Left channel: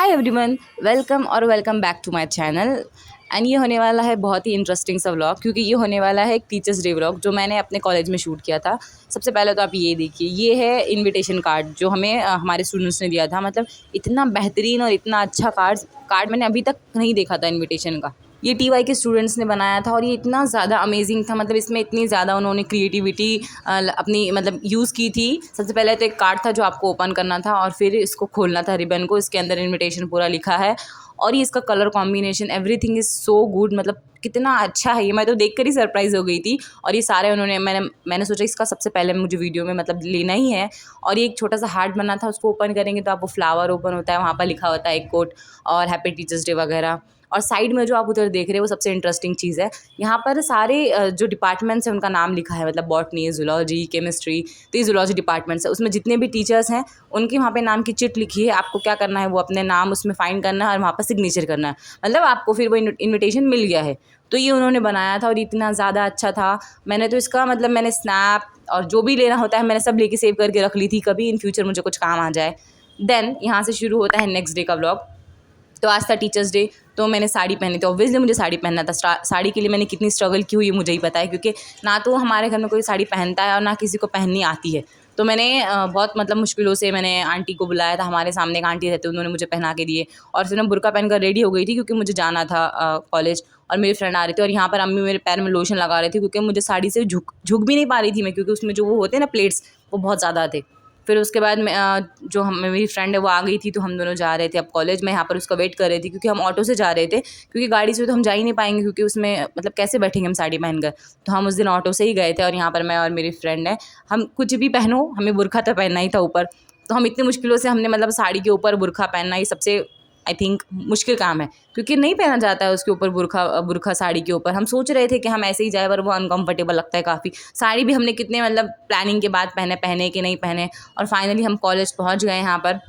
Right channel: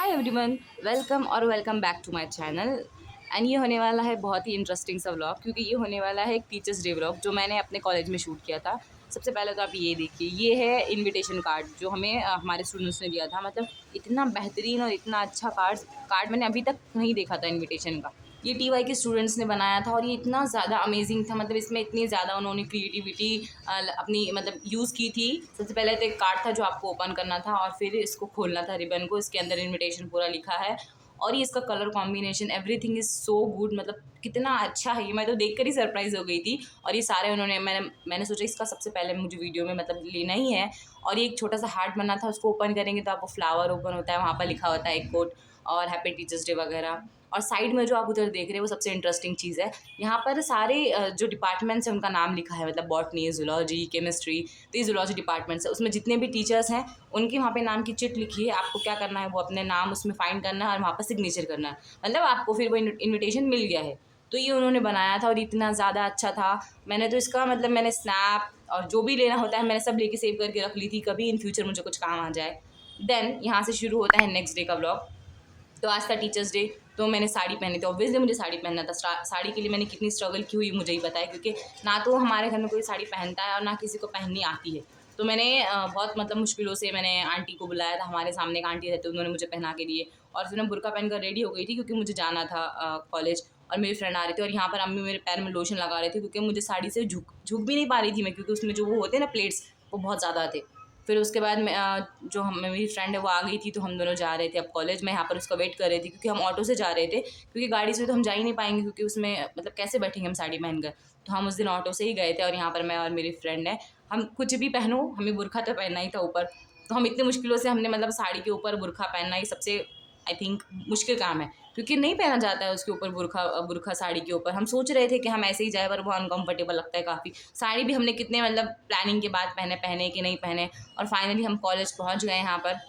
Hi everyone, welcome back to my channel. And ये होने वाला है बहुत ही इंटरेस्टिंग सा व्लॉग, क्योंकि ये होने वाला है एक टीचर्स डे व्लॉग जो मैंने अपने कॉलेज में शूट किया था। सबसे पहले तो आप ये देखिए, ये है इनविटेशन कार्ड जो हमें हमारे स्टूडेंट्स ने दिया था। मतलब इतना बेहतरीन और इतना अच्छा कार्ड मैंने अभी तक नहीं देखा था इन्विटेशन का। ये टीवाई के स्टूडेंट्स ने बनाया था और ये इतना ज़्यादा अमेजिंग था। मतलब इसमें इतनी ज़्यादा उन्होंने क्रिएटिविटी अपनी मतलब यूज़ की थी। सबसे पहले तो एक कार्ड था जो आपको ओपन करना था और फिर इसको खोलना था रिबन को। इसके अंदर इनविटेशन पूरा लिखा है और ये इसका colour combination everything is so good. मतलब कितना अच्छा है ये, मैं तो देखकर ही सरप्राइज़ हो गई थी। और ये सारे उन्होंने मैंने सोचा इसका सबसे पहले मुझे वीडियो में मतलब लेना ही है। और ये एक छोटा सा हार्ट बना था, उसको ओपन करेंगे तो आपको फ्लावर ओपन होता है, वहाँ पर लिखा होता है एक कोट और हैप्पी टीचर्स डे वगैरह। और साइड में जो आप उधर देख रहे हैं वो सबसे इंटरेस्टिंग चीज़ है। यहाँ पर सारे जो डिपार्टमेंट्स हैं उनका नाम लिखा है। मतलब बॉटनी, जूलॉजी, केमिस्ट्री, तो ये जूलॉजी डिपार्टमेंट्स है। उसमें जितने भी टीचर्स हैं उनकी वहाँ पे नाम की चिट लिखी है। आपको क्या करना है, वो अपने नाम उसमें फाइंड करना है और वहाँ पर सिग्नेचर करना है। मतलब आपको फिर वो इन्विटेशन मिल गया है। तो ये उन्होंने बनाया था और इतना ज़्यादा अच्छा था। मैंने तो इसका मतलब मैंने स्नैप और जो भी लेना होता है मैंने सब लेके सेव करके रख ली थी, कभी इन फ्यूचर मुझे कुछ काम आ जाए। देन यहाँ से शुरू होता है नेक्स्ट डे का व्लॉग। तो आज था टीचर्स डे, तो मैंने साड़ी पहनी थी। ऑब्वियसली मुझे साड़ी पहनना था। साड़ी के लिए मैंने कितनी स्ट्रगल की हुई है मुझे ही पता है, क्योंकि ना तो हमारे घर में कोई साड़ी पहनता है और ना किसी को पहननी आती है। तो मैंने बहुत मतलब मुश्किलों से मैंने आंटी को बुलाया था। हमारे सामने एक आंटी रहते, उन्होंने मुझे पहना के दिए और फिर मैं बुर्का पहनकर रेडी हो गई थी, क्योंकि मुझे जाना था कॉलेज। और मेरी फ्रेंड आ रही थी और यहाँ पर अम्मी मेरे पैर में लोशन लगा रही थी, क्योंकि मुझे साड़ी से झुक भी नहीं पा रही थी मैं, क्योंकि उसमें जो वो होते हैं ना प्लेट्स, वो बहुत ज़्यादा थे। फिर उसके बाद मैं जो हम मेरी फ्रेंड है वो आ गई थी, तो हम दोनों जा रहे थे अब कॉलेज में। यहाँ पर उसका वेट कर रहे थे, क्योंकि हम ऑटो से जा रहे थे, क्योंकि गाड़ी से तो हम जा ही नहीं पाएंगे, क्योंकि उसमें मतलब कैसे बैठेंगे हम साड़ी पहनकर। तो हम उस दिन ऑटो से ही गए थे। और यहाँ पर मैं और मेरी फ्रेंड है, हम कुछ भी पहनो, हमें बुर्खा तो पहनना ही था ऊपर। तो हम इतनी मुश्किलों से हमने मतलब साड़ी के ऊपर बुर्खा पहनना, ये सबसे आई थिंक मुश्किल काम है, क्योंकि नहीं पहना जाता है उसके ऊपर बुर्खा साड़ी के ऊपर। हम सोच रहे थे कि हम ऐसे ही जाए, पर वो अनकंफर्टेबल लगता है काफ़ी। साड़ी भी हमने कितने मतलब प्लानिंग के बाद पहने कि नहीं पहने। और फाइनली हम कॉलेज पहुंच गए। यहाँ पर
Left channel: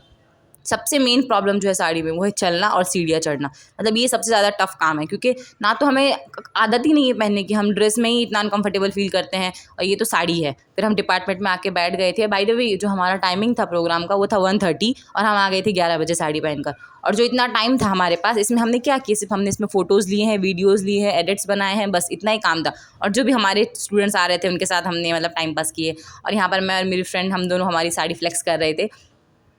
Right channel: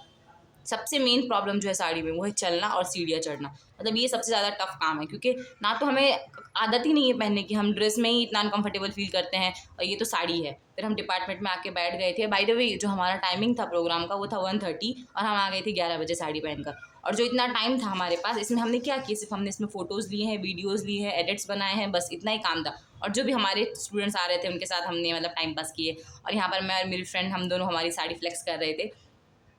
सबसे मेन प्रॉब्लम जो है साड़ी में वो है चलना और सीढ़ियाँ चढ़ना। मतलब ये सबसे ज़्यादा टफ काम है, क्योंकि ना तो हमें आदत ही नहीं है पहनने की, हम ड्रेस में ही इतना अनकंफर्टेबल फील करते हैं और ये तो साड़ी है। फिर हम डिपार्टमेंट में आके बैठ गए थे। बाय द वे जो हमारा टाइमिंग था प्रोग्राम का वो था 1:30 और हम आ गए थे 11 बजे साड़ी पहनकर। और जो इतना टाइम था हमारे पास, इसमें हमने क्या किया, सिर्फ हमने इसमें फ़ोटोज़ लिए हैं, वीडियोज़ लिए हैं, एडिट्स बनाए हैं, बस इतना ही काम था। और जो भी हमारे स्टूडेंट्स आ रहे थे उनके साथ हमने मतलब टाइम पास किए। और यहाँ पर मैं और मेरी फ्रेंड हम दोनों हमारी साड़ी फ्लेक्स कर रहे थे।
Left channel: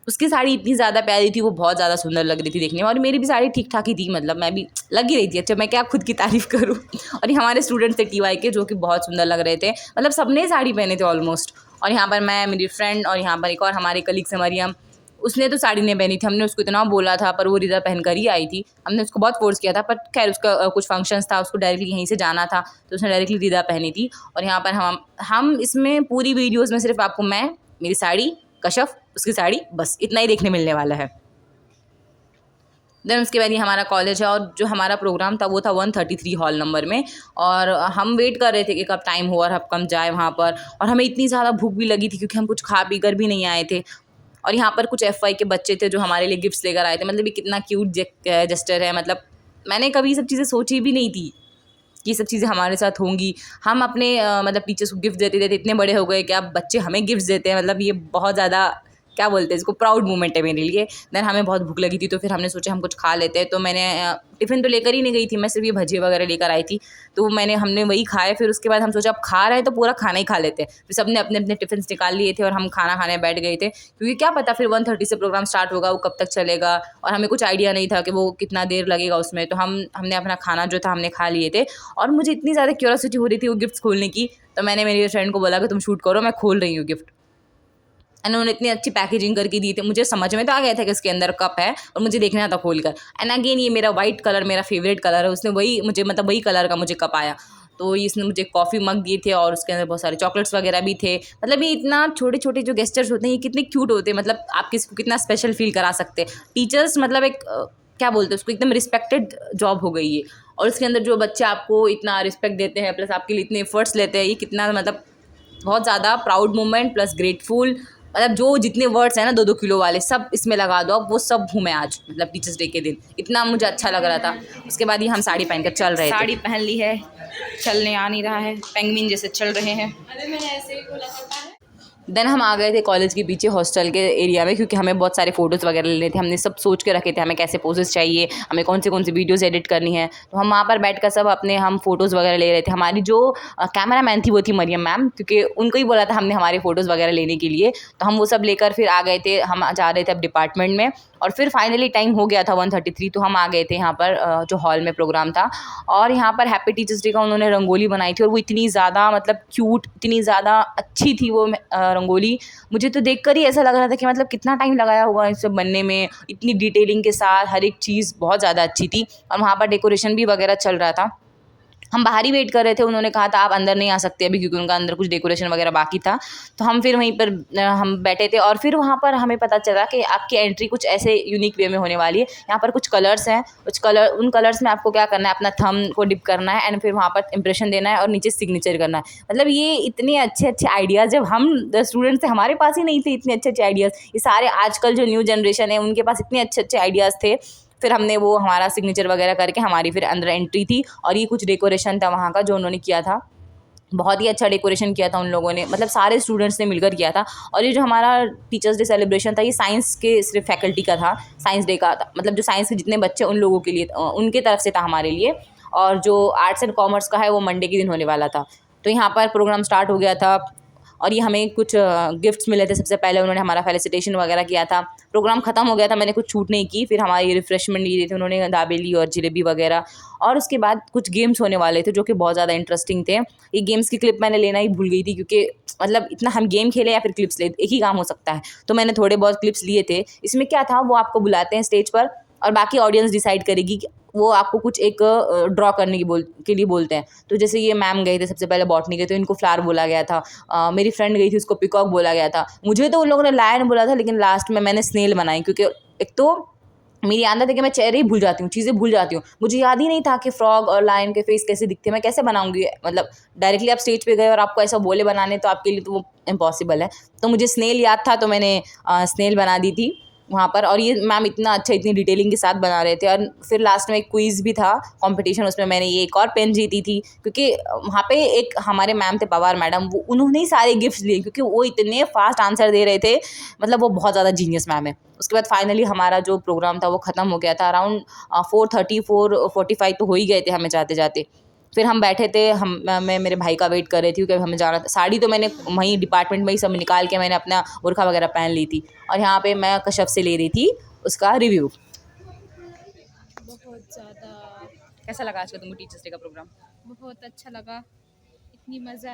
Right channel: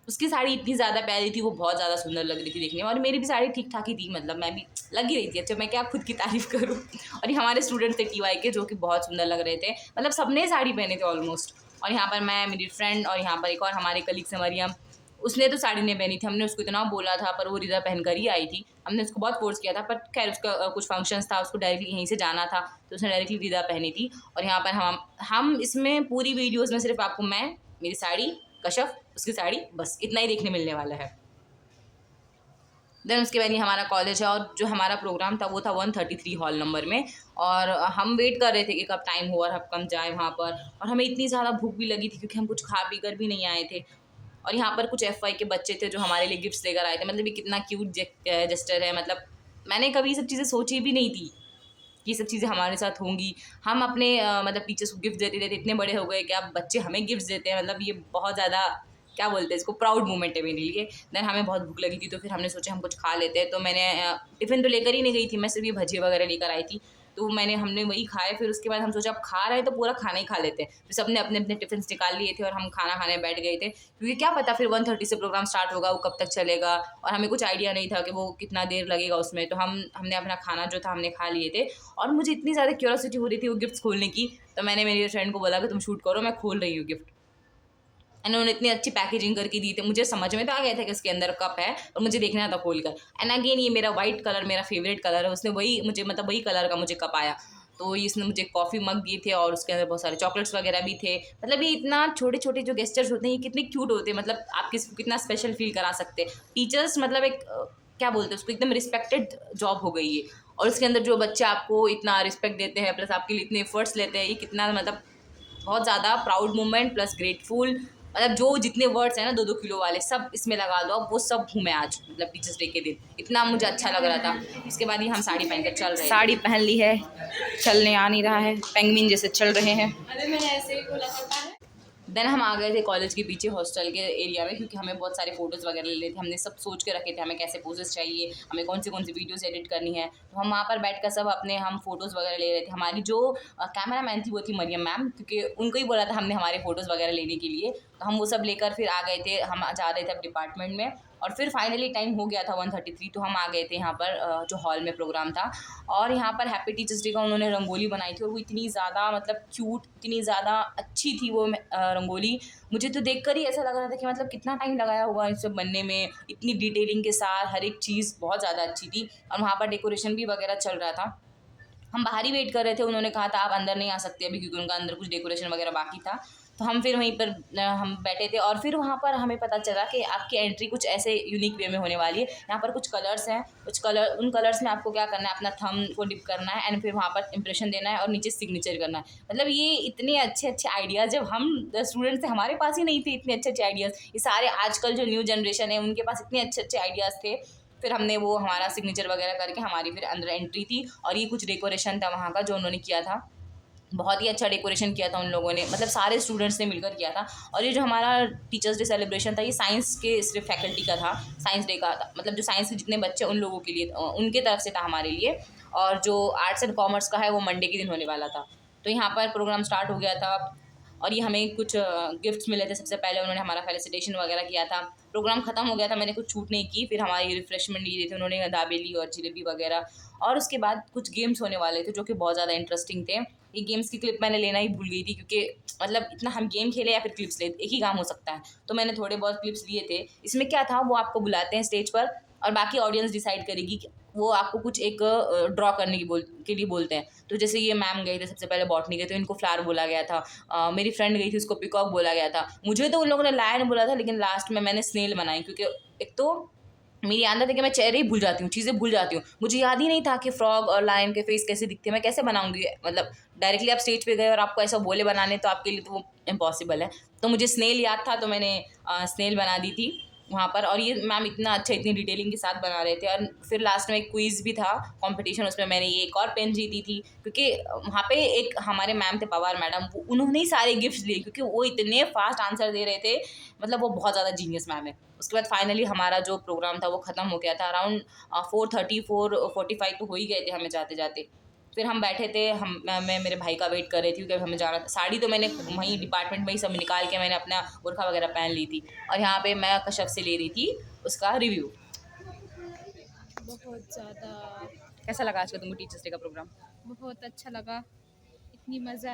उसकी साड़ी इतनी ज़्यादा प्यारी थी, वो बहुत ज़्यादा सुंदर लग रही थी देखने में। और मेरी भी साड़ी ठीक ठाक ही थी, मतलब मैं भी लग ही रही थी। अच्छा, मैं क्या खुद की तारीफ़ करूँ। और ये हमारे स्टूडेंट थे टीवाई के, जो कि बहुत सुंदर लग रहे थे। मतलब सबने साड़ी पहने थे ऑलमोस्ट। और यहाँ पर मैं, मेरी फ्रेंड और यहाँ पर एक और हमारी कलीग्स है मरियम, उसने तो साड़ी नहीं पहनी थी। हमने उसको इतना बोला था, पर वो रिदा पहन कर ही आई थी। हमने उसको बहुत फोर्स किया था, पर खैर उसका कुछ फंक्शंस था, उसको डायरेक्टली यहीं से जाना था, तो उसने डायरेक्टली रिदा पहनी थी। और यहाँ पर हम इसमें पूरी वीडियोज़ में सिर्फ आपको मैं, मेरी साड़ी, कशफ, उसकी साड़ी, बस इतना ही देखने मिलने वाला है। देन उसके बाद ये हमारा कॉलेज है और जो हमारा प्रोग्राम था वो था 133 हॉल नंबर में। और हम वेट कर रहे थे कि कब टाइम हो और अब कब जाए वहाँ पर। और हमें इतनी ज़्यादा भूख भी लगी थी, क्योंकि हम कुछ खा पी कर भी नहीं आए थे। और यहाँ पर कुछ एफवाई के बच्चे थे जो हमारे लिए गिफ्ट्स लेकर आए थे। मतलब ये कितना क्यूट जेस्टर है। मतलब मैंने कभी ये सब चीज़ें सोची भी नहीं थी कि ये सब चीज़ें हमारे साथ होंगी। हम अपने मतलब टीचर्स को गिफ्ट देते थे, इतने बड़े हो गए कि अब बच्चे हमें गिफ्ट देते हैं। मतलब ये बहुत ज़्यादा क्या बोलते हैं इसको, प्राउड मोमेंट है मेरे लिए। देन हमें बहुत भूख लगी थी, तो फिर हमने सोचा हम कुछ खा लेते हैं। तो मैंने टिफ़िन तो लेकर ही नहीं गई थी मैं, सिर्फ ये भजिए वगैरह लेकर आई थी। तो हमने वही खाए। फिर उसके बाद हम सोचा अब खा रहे हैं तो पूरा खाना ही खा लेते हैं। फिर सबने अपने अपने टिफ़िन्स निकाल लिए थे और हम खाना खाने बैठ गए थे, क्योंकि क्या पता फिर 1:30 से प्रोग्राम स्टार्ट होगा, वो कब तक चलेगा। और हमें कुछ आइडिया नहीं था कि वो कितना देर लगेगा उसमें। तो हमने अपना खाना जो था हमने खा लिए थे। और मुझे इतनी ज़्यादा क्यूरियोसिटी हो रही थी वो गिफ्ट्स खोलने की, तो मैंने मेरी फ्रेंड को बोला कि तुम शूट करो, मैं खोल रही हूँ गिफ्ट। एंड उन्होंने इतनी अच्छी पैकेजिंग करके दी थी, मुझे समझ में तो आ गया था कि इसके अंदर कप है, और मुझे देखना था खोल कर। एंड अगेन ये मेरा वाइट कलर मेरा फेवरेट कलर है, उसने वही मुझे मतलब वही कलर का मुझे कप आया। तो इसने मुझे कॉफ़ी मग दिए थे और उसके अंदर बहुत सारे चॉकलेट्स वगैरह भी थे। मतलब ये इतना छोटे छोटे जो गेस्टर्स होते हैं ये कितने क्यूट होते हैं। मतलब आप किसी को कितना स्पेशल फील करा सकते हैं। टीचर्स मतलब एक क्या बोलते हैं उसको, एकदम रिस्पेक्टेड जॉब हो गई है। और उसके अंदर जो बच्चे आपको इतना रिस्पेक्ट देते हैं, प्लस आपके लिए इतने एफर्ट्स लेते हैं, ये कितना मतलब बहुत ज़्यादा प्राउड मोमेंट प्लस ग्रेटफुल। मतलब जो जितने वर्ड्स हैं ना 2-2 किलो वाले, सब इसमें लगा दो, अब वो सब हूँ मैं आज, मतलब टीचर्स डे के दिन। इतना मुझे अच्छा लग रहा था। उसके बाद ये हम साड़ी पहनकर चल रहे थे। साड़ी पहन ली है, चलने आ नहीं रहा है, पेंगुइन जैसे चल रहे हैं। देन हम आ गए थे कॉलेज के पीछे हॉस्टल के एरिया में, क्योंकि हमें बहुत सारे फ़ोटोज़ वगैरह लेने थे। हमने सब सोच के रखे थे हमें कैसे पोजेस चाहिए, हमें कौन सी वीडियोज़ एडिट करनी है। तो हम वहाँ पर बैठकर सब अपने हम फ़ोटोज़ वगैरह ले रहे थे। हमारी जो कैमरा मैन थी वो थी मरियम मैम, क्योंकि उनको ही बोला था हमने हमारे फ़ोटोज़ वगैरह लेने के लिए। तो हम वो सब लेकर फिर आ गए थे, हम जा रहे थे अब डिपार्टमेंट में। और फिर फाइनली टाइम हो गया था 1:33, तो हम आ गए थे यहाँ पर जो हॉल में प्रोग्राम था। और यहाँ पर हैप्पी टीचर्स डे का उन्होंने रंगोली बनाई थी, और वो इतनी ज़्यादा मतलब क्यूट, इतनी ज़्यादा अच्छी थी वो रंगोली। मुझे तो देखकर ही ऐसा लग रहा था कि मतलब कितना टाइम लगाया होगा इस सब बनने में, इतनी डिटेलिंग के साथ हर एक चीज़ बहुत ज़्यादा अच्छी थी। और वहाँ पर डेकोरेशन भी वगैरह चल रहा था। हम बाहर ही वेट कर रहे थे, उन्होंने कहा था आप अंदर नहीं आ सकते अभी, क्योंकि उनका अंदर कुछ डेकोरेशन वगैरह बाकी था। तो हम फिर वहीं पर हम बैठे थे, और फिर वहाँ पर हमें पता चला कि आपकी एंट्री कुछ ऐसे यूनिक वे में होने वाली है। यहाँ पर कुछ कलर्स हैं, उन कलर्स में आपको क्या करना है, अपना थंब को डिप करना है एंड फिर वहाँ पर इंप्रेशन देना है और नीचे सिग्नेचर करना है। मतलब ये इतने अच्छे अच्छे आइडियाज़ जब हम स्टूडेंट्स थे, हमारे पास ही नहीं थे इतने अच्छे अच्छे आइडियाज़। ये सारे आजकल जो न्यू जनरेशन है उनके पास इतने अच्छे अच्छे आइडियाज़ थे। फिर हमने वो हमारा सिग्नेचर वगैरह करके हमारी फिर अंदर एंट्री थी। और ये कुछ डेकोरेशन था वहाँ का जो उन्होंने किया था, बहुत ही अच्छा डेकोरेशन किया था उन लोगों ने, मतलब सारे स्टूडेंट्स ने मिलकर किया था। और ये जो हमारा टीचर्स डे सेलिब्रेशन था, ये साइंस के सिर्फ फैकल्टी का था, साइंस डे का था, मतलब जो साइंस के जितने बच्चे उन लोगों के लिए उनके तरफ से था हमारे लिए। और जो आर्ट्स एंड कॉमर्स का है वो मंडे के दिन होने वाला था। तो यहाँ पर प्रोग्राम स्टार्ट हो गया था, और ये हमें कुछ गिफ्ट्स मिले थे। सबसे पहले उन्होंने हमारा फेलिसिटेशन वगैरह किया था। प्रोग्राम ख़त्म हो गया था, मैंने कुछ छूट नहीं की। फिर हमारी रिफ्रेशमेंट ली थी उन्होंने, दाबेली और जलेबी वगैरह। और उसके बाद कुछ गेम्स होने वाले थे जो कि बहुत ज़्यादा इंटरेस्टिंग थे। ये गेम्स की क्लिप मैंने लेना ही भूल गई थी, क्योंकि मतलब इतना हम गेम खेले या फिर क्लिप्स ले, एक ही काम हो सकता है। तो मैंने थोड़े बहुत क्लिप्स लिए थे। इसमें क्या था, वो आपको बुलाते हैं स्टेज पर, और बाकी ऑडियंस डिसाइड करेगी कि वो आपको कुछ एक ड्रॉ करने के लिए बोलते हैं। तो जैसे ये मैम गए थे सबसे पहले बॉटनी गए, तो इनको फ्लावर बोला गया था। मेरी फ्रेंड गई थी, उसको पिकॉक बोला गया था। मुझे तो उन लोगों ने लायन बोला था, लेकिन लास्ट में मैंने स्नेल बनाई, क्योंकि एक तो मेरी आदत है कि मैं चेहरे ही भूल जाती हूँ, चीज़ें भूल जाती हूँ। मुझे याद ही नहीं था कि फ्रॉग और लायन के फेस कैसे दिखते हैं, मैं कैसे बनाऊंगी। मतलब डायरेक्टली आप स्टेज पे गए और आपको ऐसा बोले बनाने, तो आपके लिए तो वो इम्पॉसिबल है। तो मुझे स्नेल याद था, तो मैंने स्नेल बना दी थी वहाँ पर। और ये मैम इतना अच्छा, इतनी डिटेलिंग के साथ बना रहे थे। और फिर लास्ट में एक क्विज़ भी था, कंपटीशन, उसमें मैंने ये एक और पेन जीती थी, क्योंकि वहाँ पे एक हमारे मैम थे पवार मैडम, वो उन्होंने ही सारे गिफ्ट्स लिए, क्योंकि वो इतने फास्ट आंसर दे रहे थे। मतलब वो बहुत ज़्यादा जीनियस मैम है। उसके बाद फाइनली हमारा जो प्रोग्राम था वो ख़त्म हो गया था। अराउंड 4:30 4:45 तो हो ही गए थे हमें जाते जाते। फिर हम बैठे थे, मैं मेरे भाई का वेट कर रही थी, क्योंकि हमें जाना था। साड़ी तो मैंने वहीं डिपार्टमेंट में ही सब निकाल के मैंने अपना बुर्का वगैरह पहन ली थी। और यहाँ पे मैं कश्यप से ले रही थी उसका रिव्यू। बहुत ज़्यादा। कैसा लगा आज का तुमको टीचर्स डे का प्रोग्राम? बहुत अच्छा लगा। इतनी मज़ा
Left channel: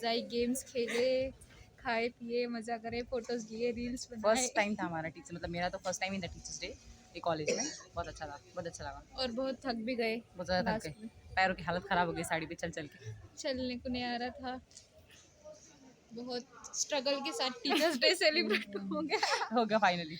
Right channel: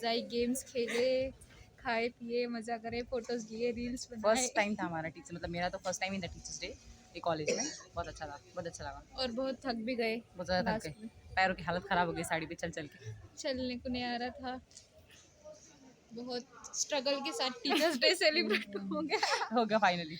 आई, गेम्स खेले, खाए पिए, मज़ा करे, फ़ोटोज़ लिए, रील्स बनाए। फर्स्ट टाइम था हमारा टीचर, मतलब मेरा तो फर्स्ट टाइम ही था टीचर्स डे ये कॉलेज में। बहुत अच्छा था, बहुत अच्छा लगा। और बहुत थक भी गए बहुत ज़्यादा थक गए, लास्ट में। पैरों की हालत ख़राब हो गई साड़ी पे चल चल के। चलने को नहीं आ रहा था। बहुत स्ट्रगल के साथ टीचर्स डे सेलिब्रेट हो गया। हो गया फाइनली।